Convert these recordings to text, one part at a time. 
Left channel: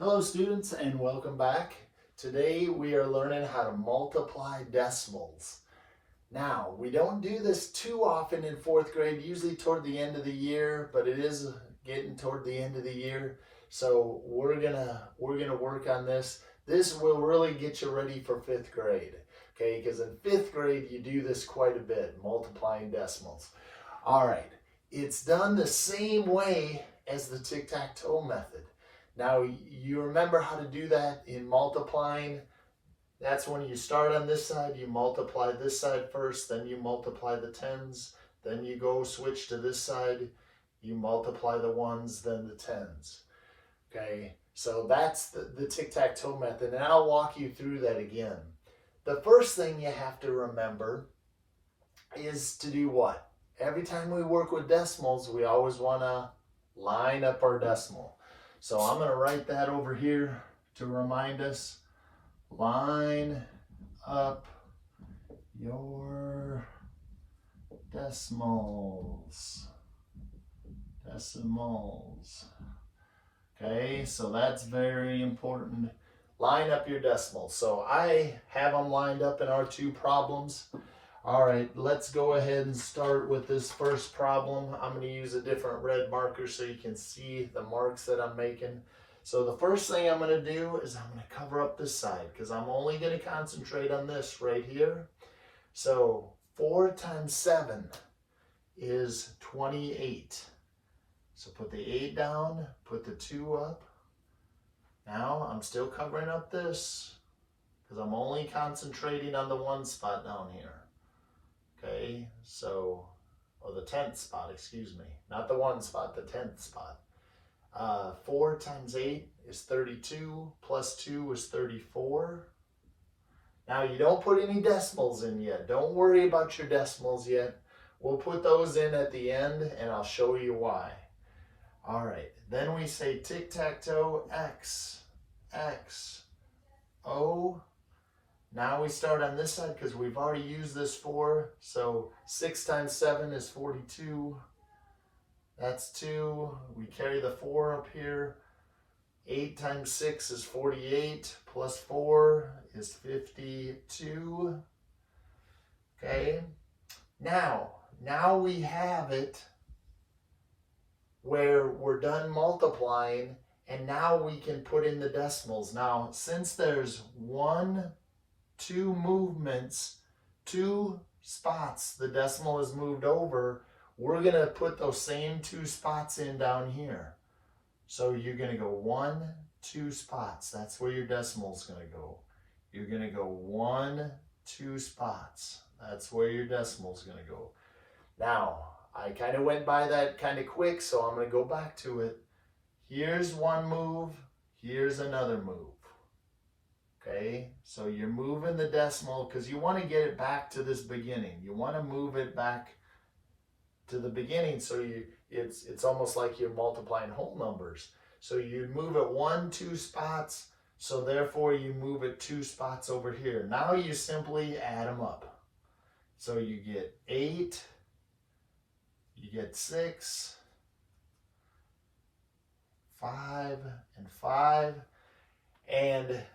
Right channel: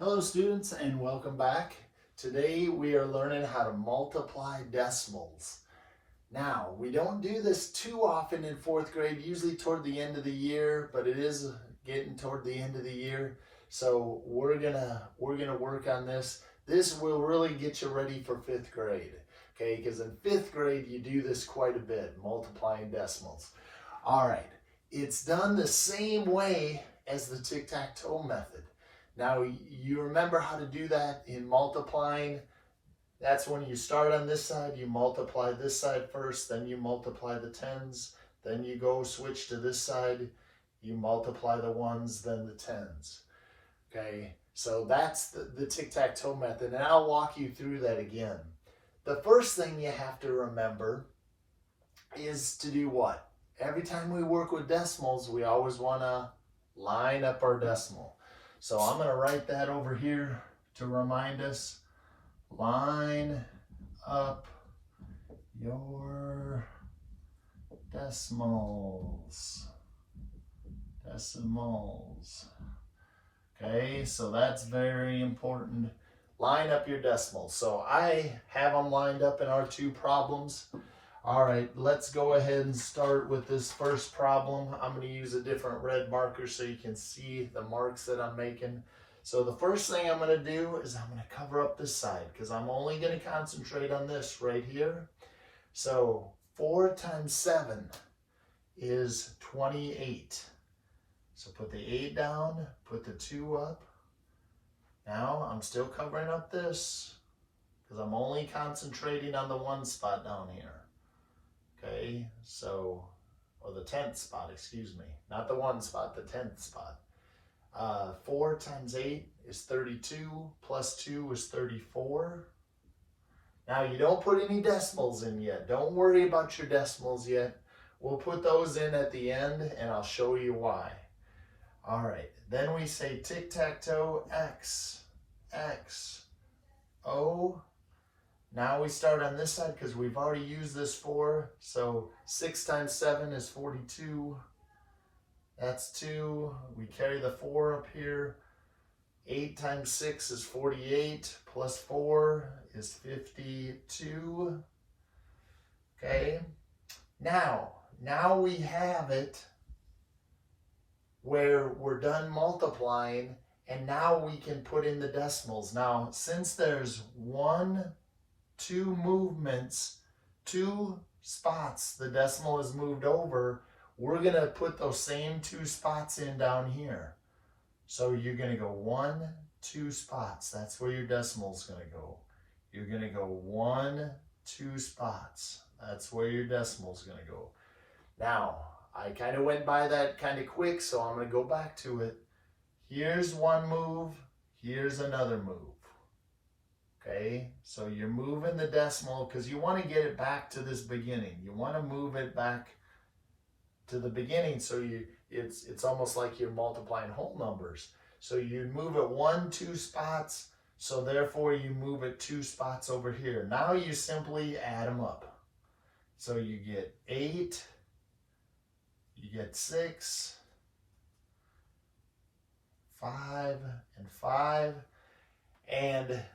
Hello students and welcome back. Today we are learning how to multiply decimals. Now, we don't do this too often in fourth grade, usually toward the end of the year, but it is getting toward the end of the year. So we're gonna work on this. This will really get you ready for fifth grade. Okay, because in fifth grade you do this quite a bit, multiplying decimals. All right, it's done the same way as the tic-tac-toe method. Now, you remember how to do that in multiplying. That's when you start on this side, you multiply this side first, then you multiply the tens, then you go switch to this side, you multiply the ones, then the tens. Okay, so that's the tic-tac-toe method, and I'll walk you through that again. The first thing you have to remember is to do what? Every time we work with decimals, we always want to line up our decimal. So I'm going to write that over here to remind us. Line up your decimals. Okay, so that's very important. Line up your decimals. So I have them lined up in our two problems. All right, let's go ahead and start with this first problem. I'm going to use a different red marker so you can see the marks that I'm making. So the first thing I'm going to do is I'm going to cover up this side because I'm only going to concentrate on this right here. So 4 times 7 is 28. So put the 8 down, put the 2 up. Now I'm still covering up this because I'm only concentrating on the one spot down here. Okay, so, or the 10th spot, excuse me, not the one spot, the 10th spot. 4 times 8 is 32, plus 2 is 34. Now you don't put any decimals in yet. Don't worry about your decimals yet. We'll put those in at the end and I'll show you why. All right, then we say tic-tac-toe, X, O. Now we start on this side because we've already used this 4. So 6 times 7 is 42. That's 2. We carry the 4 up here. 8 times 6 is 48. Plus 4 is 52. Okay. Now we have it where we're done multiplying and now we can put in the decimals. Now, since there's 2 movements, 2 spots, the decimal is moved over, we're going to put those same 2 spots in down here. So you're going to go 1, 2 spots. That's where your decimal is going to go. You're going to go 1, 2 spots. That's where your decimal is going to go. Now, I kind of went by that kind of quick, so I'm going to go back to it. Here's one move. Here's another move. Okay, so you're moving the decimal because you want to get it back to this beginning. You want to move it back to the beginning so it's almost like you're multiplying whole numbers. So you move it 1, 2 spots, so therefore you move it 2 spots over here. Now you simply add them up. So you get 8, you get 6, 5, and 5, and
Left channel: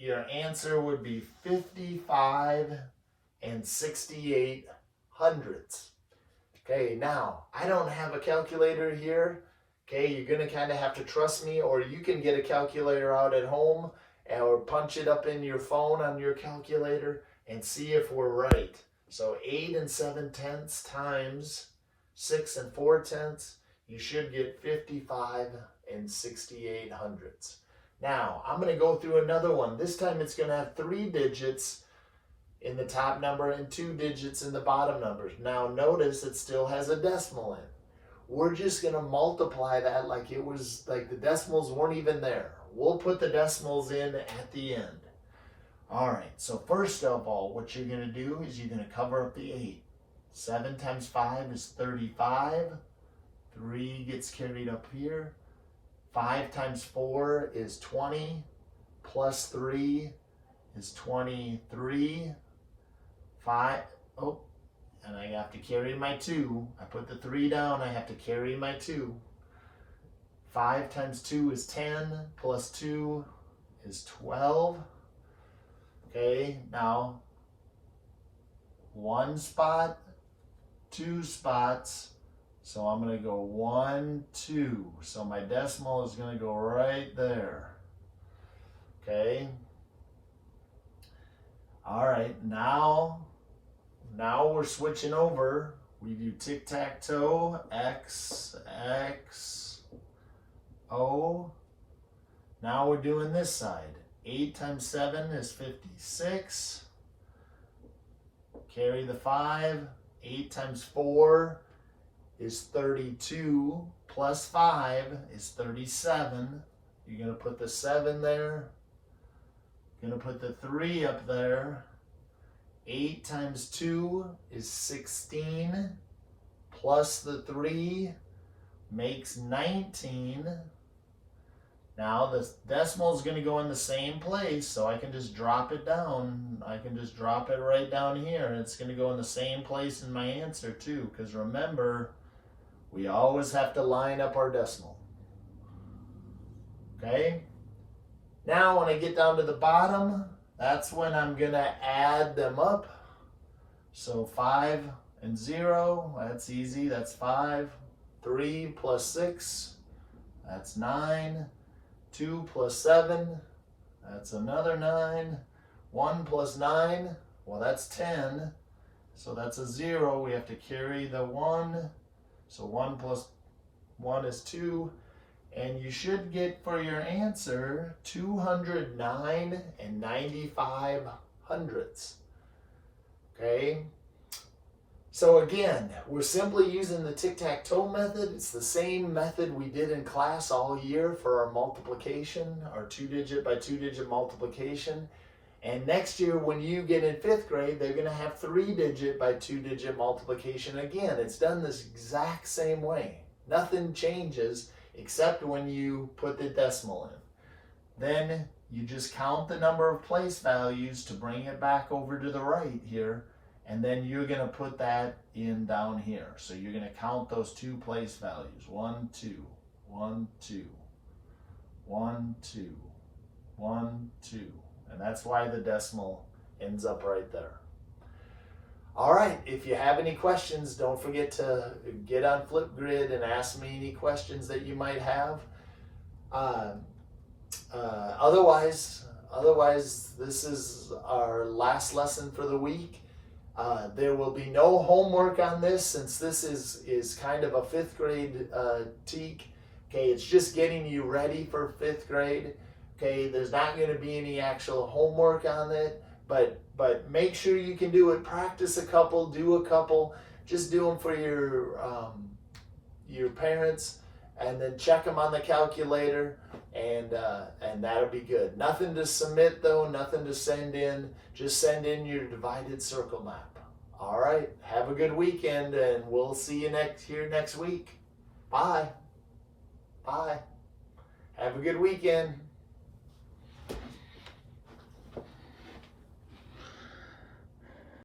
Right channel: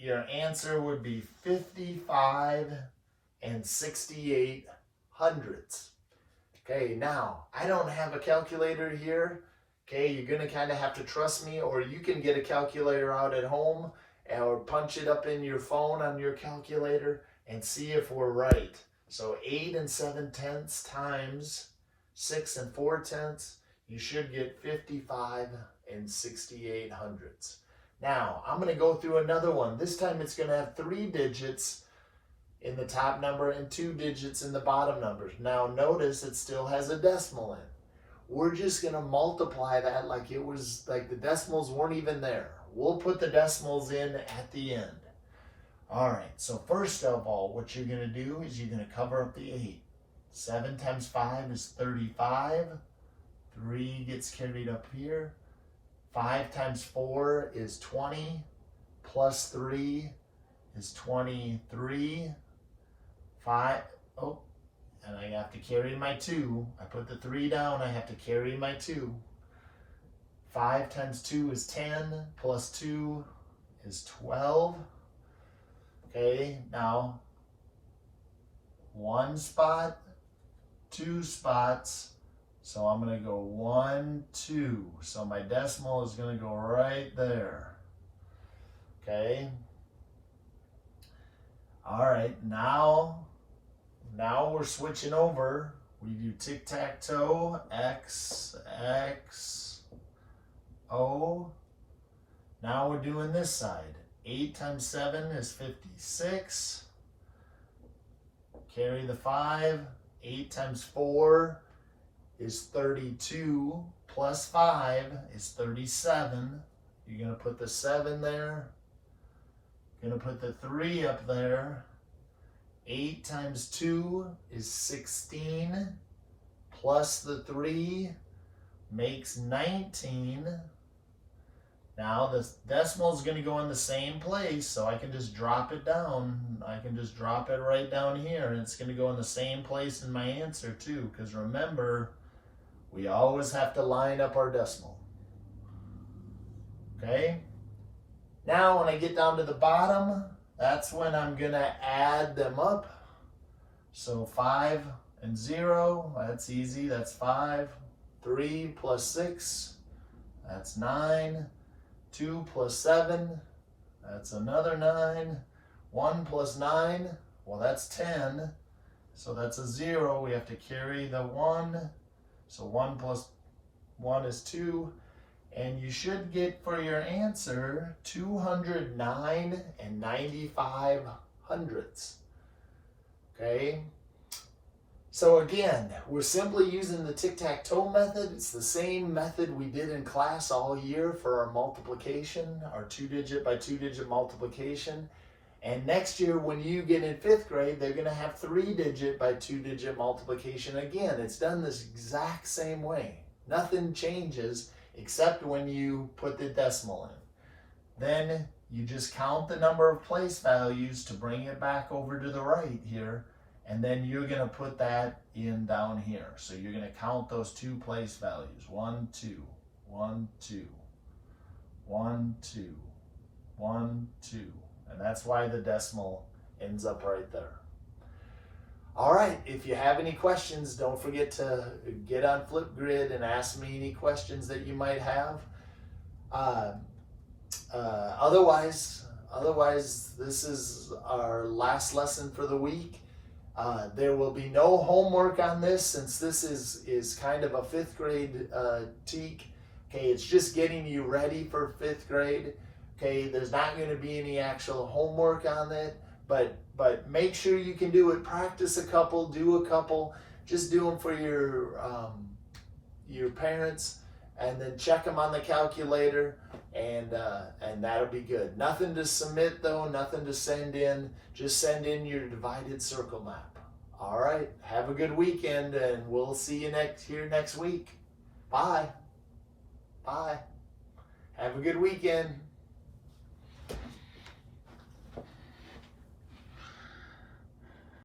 your answer would be 55 and 68 hundredths. Okay, now, I don't have a calculator here. Okay, you're going to kind of have to trust me, or you can get a calculator out at home or punch it up in your phone on your calculator and see if we're right. So 8 and 7/10 times 6 and 4/10, you should get 55 and 68 hundredths. Now, I'm going to go through another one. This time it's going to have 3 digits in the top number and 2 digits in the bottom numbers. Now, notice it still has a decimal in. We're just going to multiply that like it was, like the decimals weren't even there. We'll put the decimals in at the end. All right, so first of all, what you're going to do is you're going to cover up the 8. 7 times 5 is 35. 3 gets carried up here. 5 times 4 is 20, plus 3 is 23. 5, and I have to carry my 2. I put the 3 down, I have to carry my 2. 5 times 2 is 10, plus 2 is 12. Okay, now 1 spot, 2 spots. So I'm going to go 1, 2. So my decimal is going to go right there. Okay. All right, now we're switching over. We do tic-tac-toe, X, X, O. Now we're doing this side. 8 times 7 is 56. Carry the 5. 8 times 4 is 32. Plus 5 is 37. You're going to put the 7 there. You're going to put the 3 up there. 8 times 2 is 16. Plus the 3 makes 19. Now the decimal is going to go in the same place, so I can just drop it down. I can just drop it right down here, and it's going to go in the same place in my answer too, because remember, we always have to line up our decimal. Okay? Now when I get down to the bottom, that's when I'm going to add them up. So 5 and 0, that's easy, that's 5. 3 plus 6, that's 9. 2 plus 7, that's another 9. 1 plus 9, well, that's 10. So that's a 0. We have to carry the 1. So 1 plus 1 is 2. And you should get for your answer 209 and 95 hundredths. Okay? So again, we're simply using the tic-tac-toe method. It's the same method we did in class all year for our multiplication, our 2-digit by 2-digit multiplication. And next year when you get in 5th grade, they're going to have 3-digit by 2-digit multiplication. Again, it's done this exact same way. Nothing changes except when you put the decimal in. Then you just count the number of place values to bring it back over to the right here. And then you're going to put that in down here. So you're going to count those 2 place values. 1, 2, 1, 2, 1, 2, 1, 2. And that's why the decimal ends up right there. All right, if you have any questions, don't forget to get on Flipgrid and ask me any questions that you might have. Otherwise, this is our last lesson for the week. There will be no homework on this since this is kind of a 5th grade TEK. Okay, it's just getting you ready for 5th grade. Okay, there's not going to be any actual homework on it, but make sure you can do it. Practice a couple, do a couple. Just do them for your parents, and then check them on the calculator, and that'll be good. Nothing to submit though, nothing to send in. Just send in your divided circle map. All right, have a good weekend, and we'll see you here next week. Bye. Bye. Have a good weekend.